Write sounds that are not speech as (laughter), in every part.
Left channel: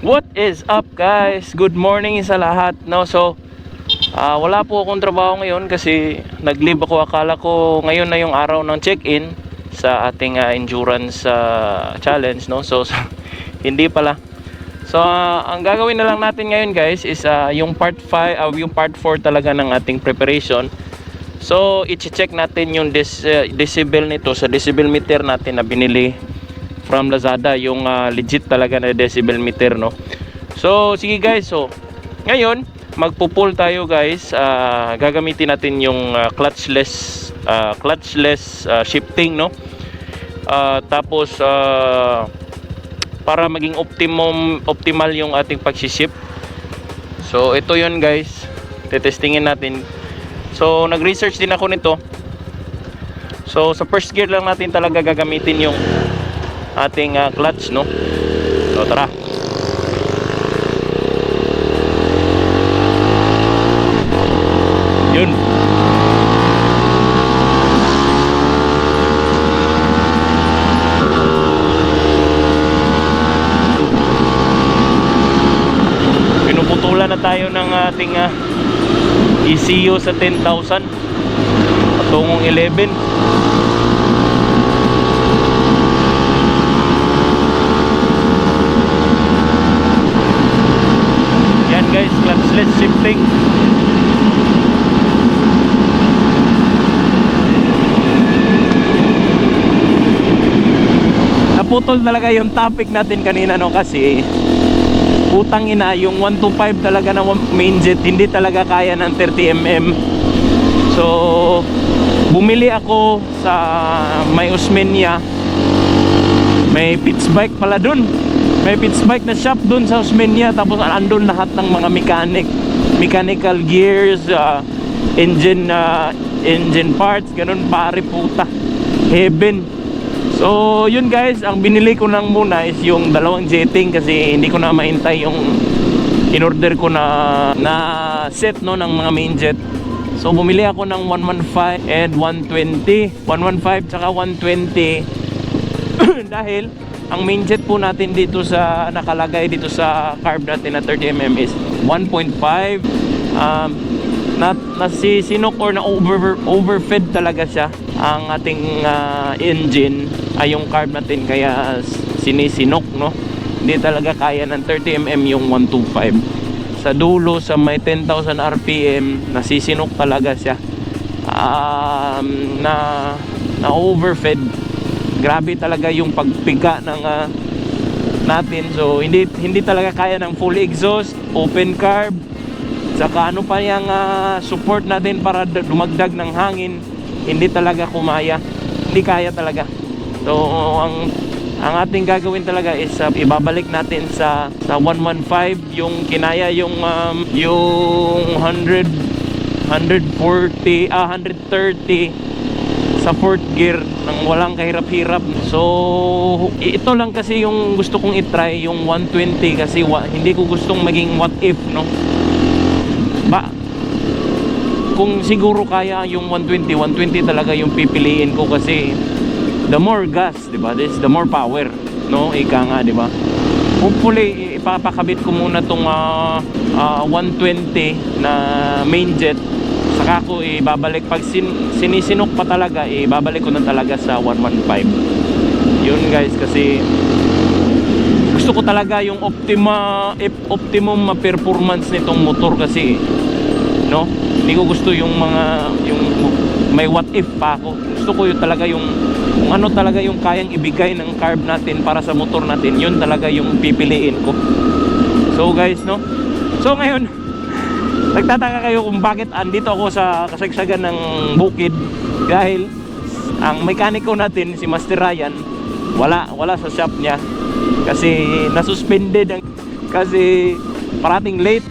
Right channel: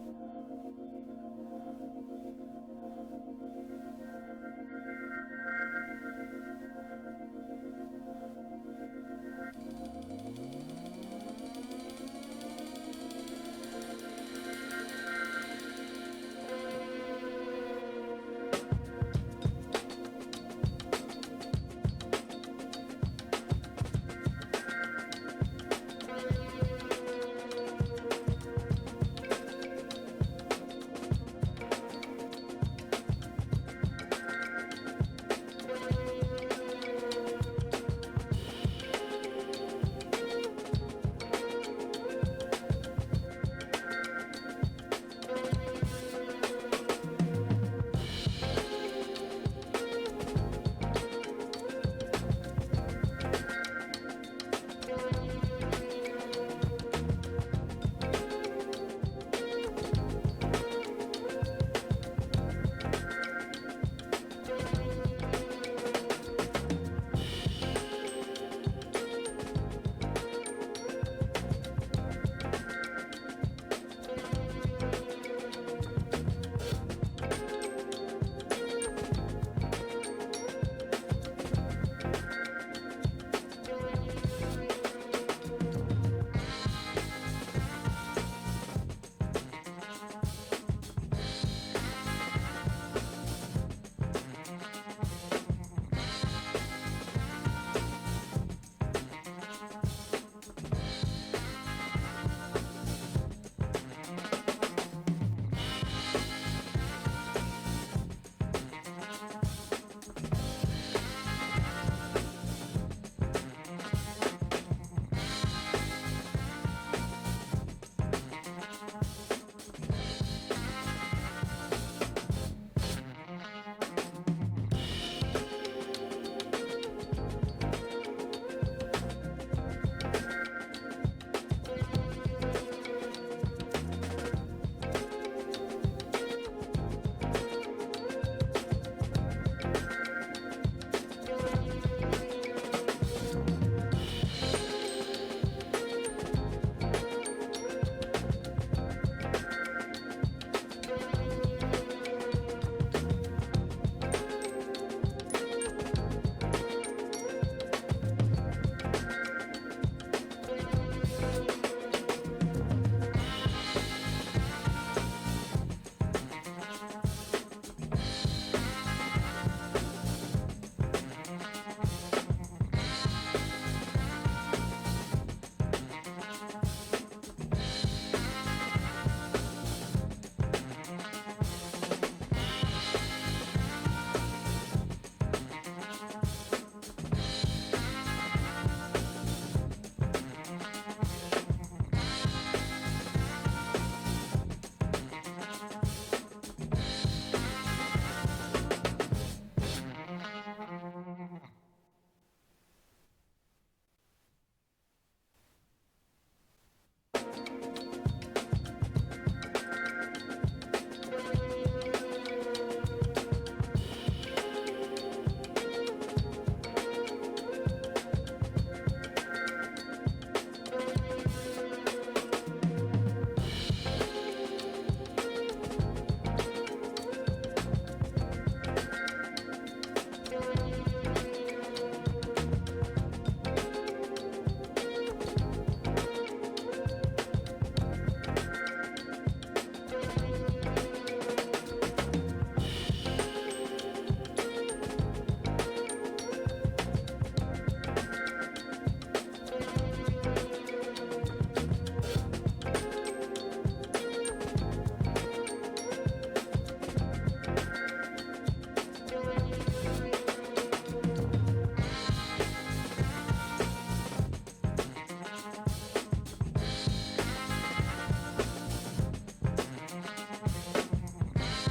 What is up guys? Good morning sa lahat. No, so ah, wala po akong trabaho ngayon kasi nag-leave ako. Akala ko ngayon na yung araw ng check-in sa ating ah, endurance ah, challenge, no. So, so (laughs) hindi pala. So, ah, ang gagawin na lang natin ngayon guys is ah, yung part 5, ah, yung part 4 talaga ng ating preparation. So, i-check natin yung des, uh, decibel nito sa decibel meter natin na binili from Lazada, yung ah, legit talaga na decibel meter, no? So, sige guys, so, ngayon, magpo-pull tayo guys, Ah, gagamitin natin yung ah, clutchless, ah, clutchless ah, shifting, no? Ah, tapos, ah, para maging optimum, optimal yung ating pag-shift. So, ito yun guys, tetestingin natin. So, nag-research din ako nito. So, sa first gear lang natin talaga gagamitin yung ating ah, clutch, no? So, tara. Yun. Pinuputulan na tayo ng ating ah, ECU sa 10,000 patungong 11 yan guys clutchless shifting naputol talaga yung topic natin kanina no? Kasi putang ina yung 125 talaga na main jet hindi talaga kaya ng 30mm so bumili ako sa may Osmeña. May pitch bike pala dun. May pitch bike na shop dun sa Osmeña tapos andun lahat ng mga mechanic mechanical gears uh, engine uh, engine parts ganun pare puta. Heaven So, yun guys, ang binili ko lang muna is yung dalawang jetting kasi hindi ko na mahintay yung in-order ko na na set no ng mga main jet. So, bumili ako ng 115 and 120. 115 tsaka 120 (coughs) dahil ang main jet po natin dito sa nakalagay dito sa carb natin na 30mm is 1.5 um, na, na si sinok or na over overfed talaga siya ang ating ah, engine. Ay yung carb natin kaya sinisinok no? Hindi talaga kaya ng 30mm yung 125 sa dulo sa may 10,000 rpm nasisinok talaga siya. Um, na na overfed. Grabe talaga yung pagpiga ng ah, natin. So hindi hindi talaga kaya ng full exhaust open carb saka ano pa yung ah, support natin para dumagdag ng hangin hindi talaga kumaya hindi kaya talaga. So ang ang ating gagawin talaga is ah, ibabalik natin sa sa 115 yung kinaya yung um, yung 100 140 ah 130 sa fourth gear nang walang kahirap-hirap. So ito lang kasi yung gusto kong itry yung 120 kasi wa, hindi ko gustong maging what if no ba kung siguro kaya yung 120 120 talaga yung pipiliin ko kasi the more gas di ba? This the more power no? Ika nga di ba? Hopefully ipapakabit ko muna tong ah, ah, 120 na main jet. Saka ko ibabalik pag sin, sinisinok pa talaga ibabalik ko na talaga sa 115 yun guys kasi gusto ko talaga yung optima optimum performance nitong motor kasi no? Hindi ko gusto yung mga yung may what if pa ako. Gusto ko yung talaga yung kung ano talaga yung kayang ibigay ng carb natin para sa motor natin yun talaga yung pipiliin ko. So guys no? So ngayon (laughs) nagtataka kayo kung bakit andito ako sa kasagsagan ng bukid dahil ang mekaniko natin si Master Ryan wala wala sa shop niya kasi nasuspended ang kasi parating late.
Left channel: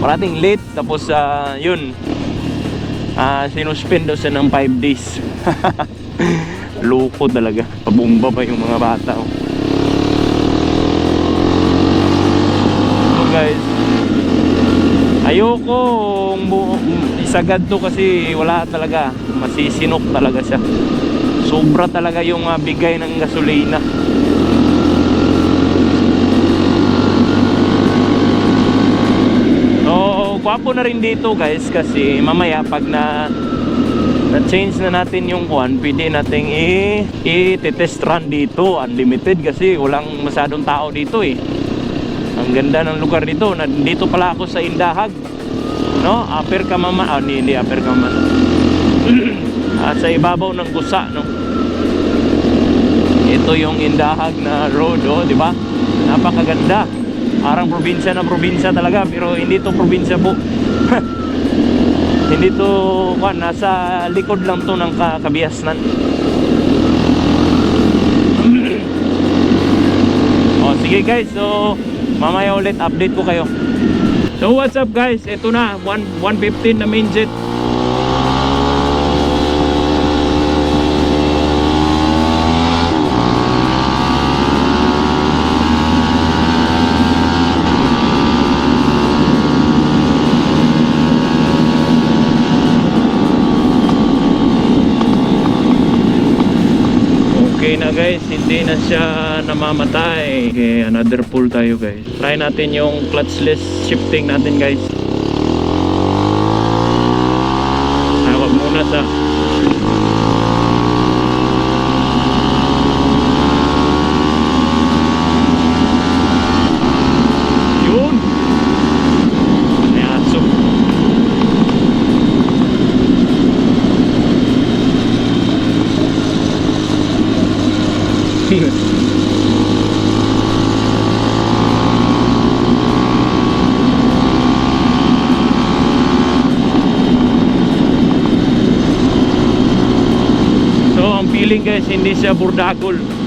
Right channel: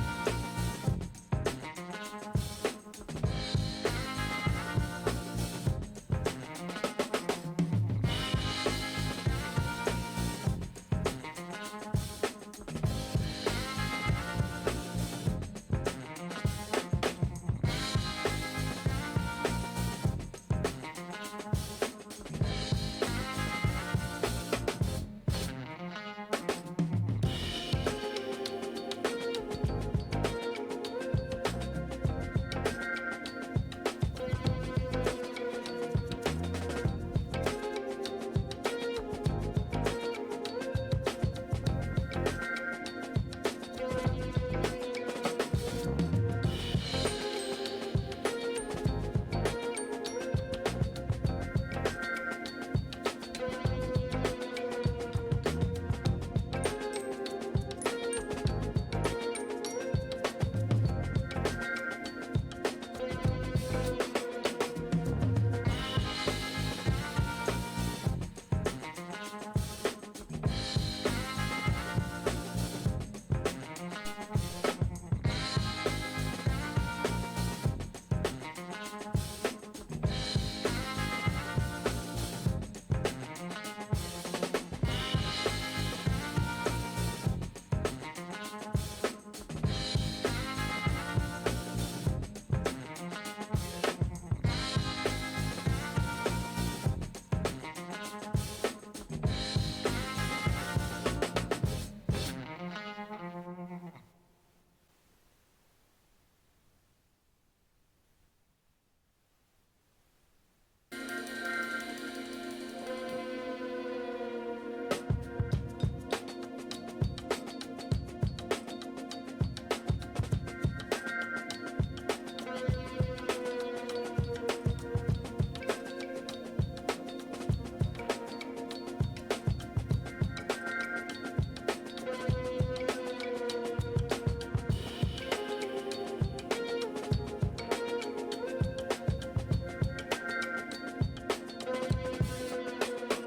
Parating late tapos ah, yun. Ah sinuspend siya ng 5 days. (laughs) Loko talaga. Pabumba pa yung mga bata oh. so guys ayoko isagad to kasi wala talaga. Masisinok talaga siya. Sobra talaga yung ah, bigay ng gasolina so gwapo na rin dito guys kasi mamaya pag na na change na natin yung kwan pwede nating i, i-test run dito. Unlimited kasi walang masyadong tao dito eh. Ang ganda ng lugar dito. Na, dito pala ako sa Indahag no? Upper Kamaman ah hindi, hindi upper Kamaman (clears throat) ah, sa ibabaw ng Kusa no? Ito yung Indahag na road oh di ba? Napakaganda parang probinsya na probinsya talaga pero hindi to probinsya po. (laughs) Hindi to kwan nasa likod lang to ng ka- kabiasnan. (clears throat) Oh sige guys so mamaya ulit update ko kayo. So what's up guys? Ito na 1, 115 na main jet Okay na guys, hindi na siya namamatay. Okay, another pull tayo guys. Try natin yung clutchless shifting natin guys. Hawag muna sa Yun! May aso. (laughs) So ang feeling guys hindi siya burdakol.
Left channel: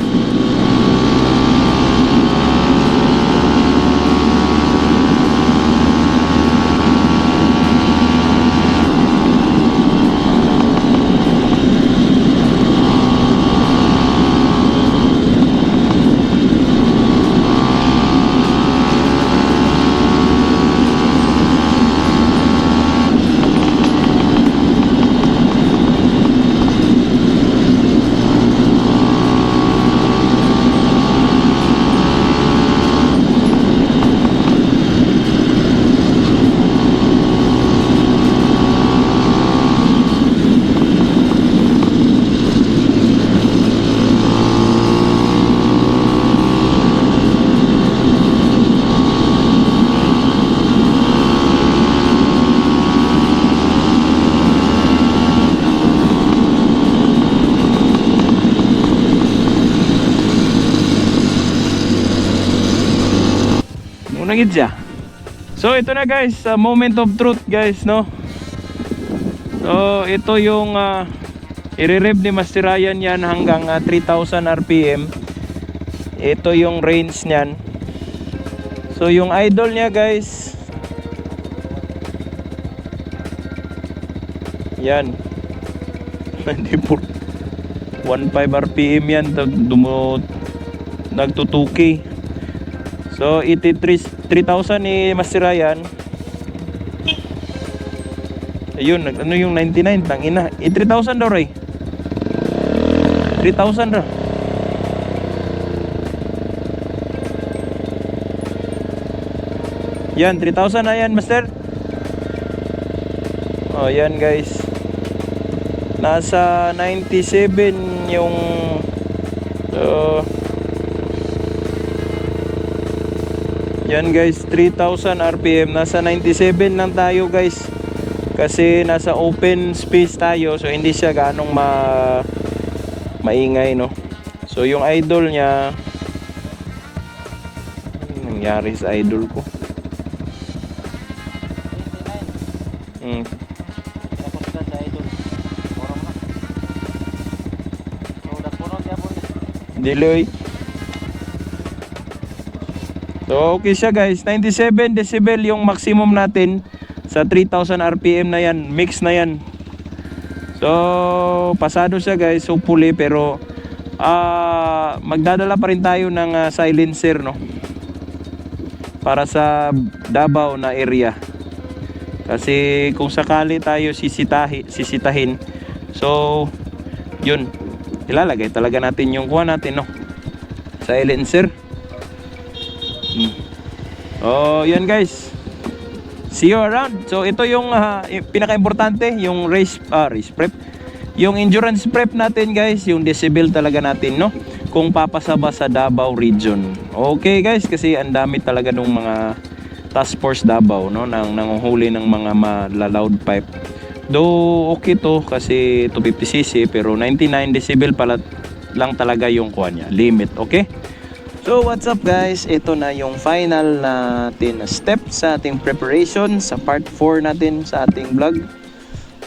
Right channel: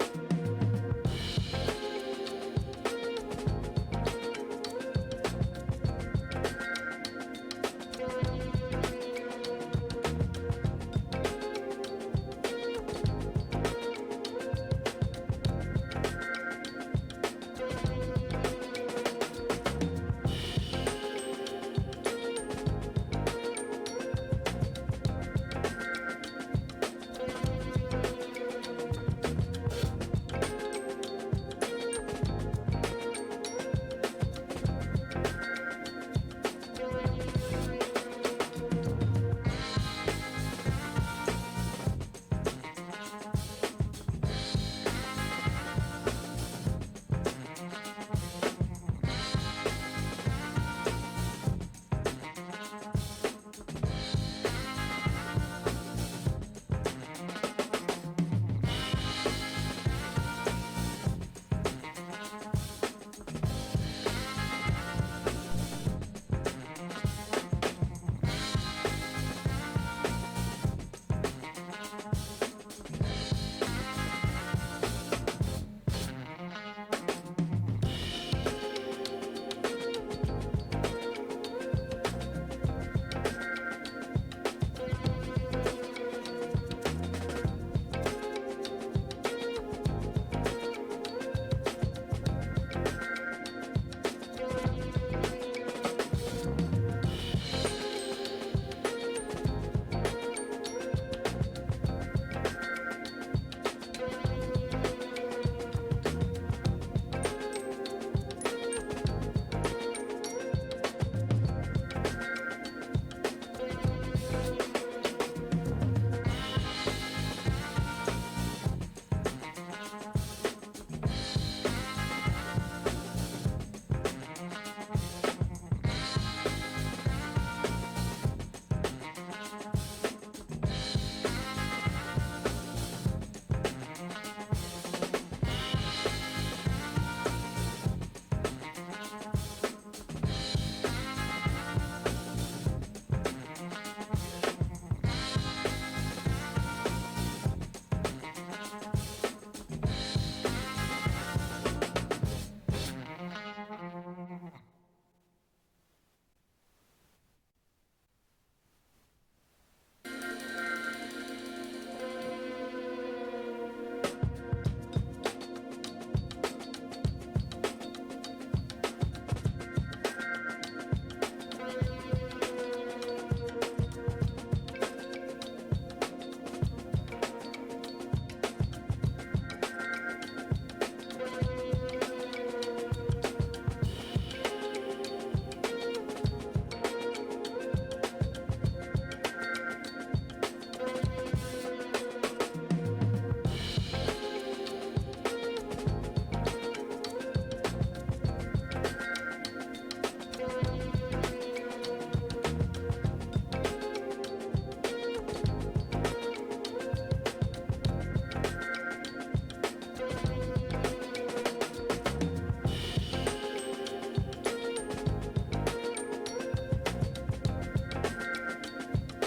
Gid. So ito na guys, uh, moment of truth guys, no. So ito yung uh, i-rev ni Master Ryan yan hanggang ah, 3000 RPM. Ito yung range niyan. So yung idol niya guys. Yan. (laughs) Hindi po 15 RPM yan dumo nagtutuki. So 83 3,000 ni Master Ryan. Ayun, ano yung 99 tangina. Eh, 3,000 daw Ray. 3,000 daw. Yan, 3,000 na yan, Master. Oh, yan guys. Nasa 97 yung so, Yan guys, 3000 RPM. Nasa 97 lang tayo guys. Kasi nasa open space tayo so hindi siya ganong ma maingay no. So yung idol niya nangyari sa idol ko. Hmm. Diloy. So okay siya guys, 97 decibel yung maximum natin sa 3000 RPM na yan, mix na yan. So pasado siya guys, hopefully pero ah magdadala pa rin tayo ng ah, silencer no. Para sa Davao na area. Kasi kung sakali tayo sisitahi, sisitahin. So yun, ilalagay talaga natin yung kuha natin no silencer oh yan guys. See you around. So ito yung i- pinaka-importante yung race ah, race prep. Yung endurance prep natin guys yung decibel talaga natin no? Kung papasa ba sa Davao region. Okay guys kasi ang dami talaga ng mga task force Davao no? Nang nanguhuli ng mga malaloud pipe. Though okay to kasi 250cc pero 99 decibel pala lang talaga yung kuha niya, limit, okay? So what's up guys? Ito na yung final natin na step sa ating preparation sa part 4 natin sa ating vlog.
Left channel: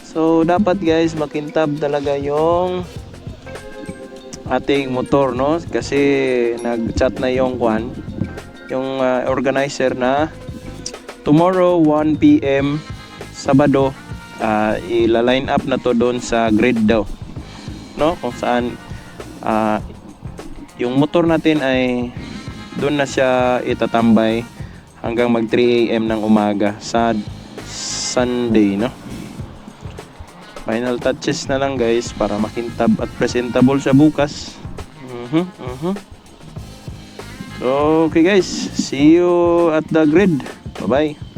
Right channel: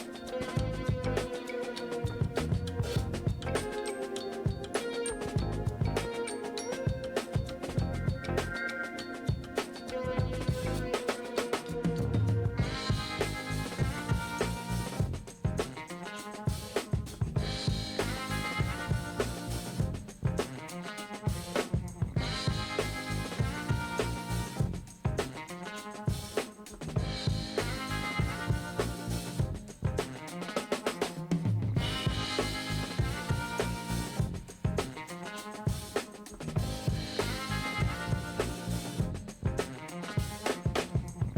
So dapat guys makintab talaga yung ating motor no kasi nag-chat na yung kwan yung uh, organizer na tomorrow 1 PM Sabado uh, ila-line up na to doon sa grid daw no kung saan ah, yung motor natin ay doon na siya itatambay hanggang mag 3 AM ng umaga sa Sunday no? Final touches na lang guys para makintab at presentable siya bukas. Mhm so okay guys. See you at the grid. Bye bye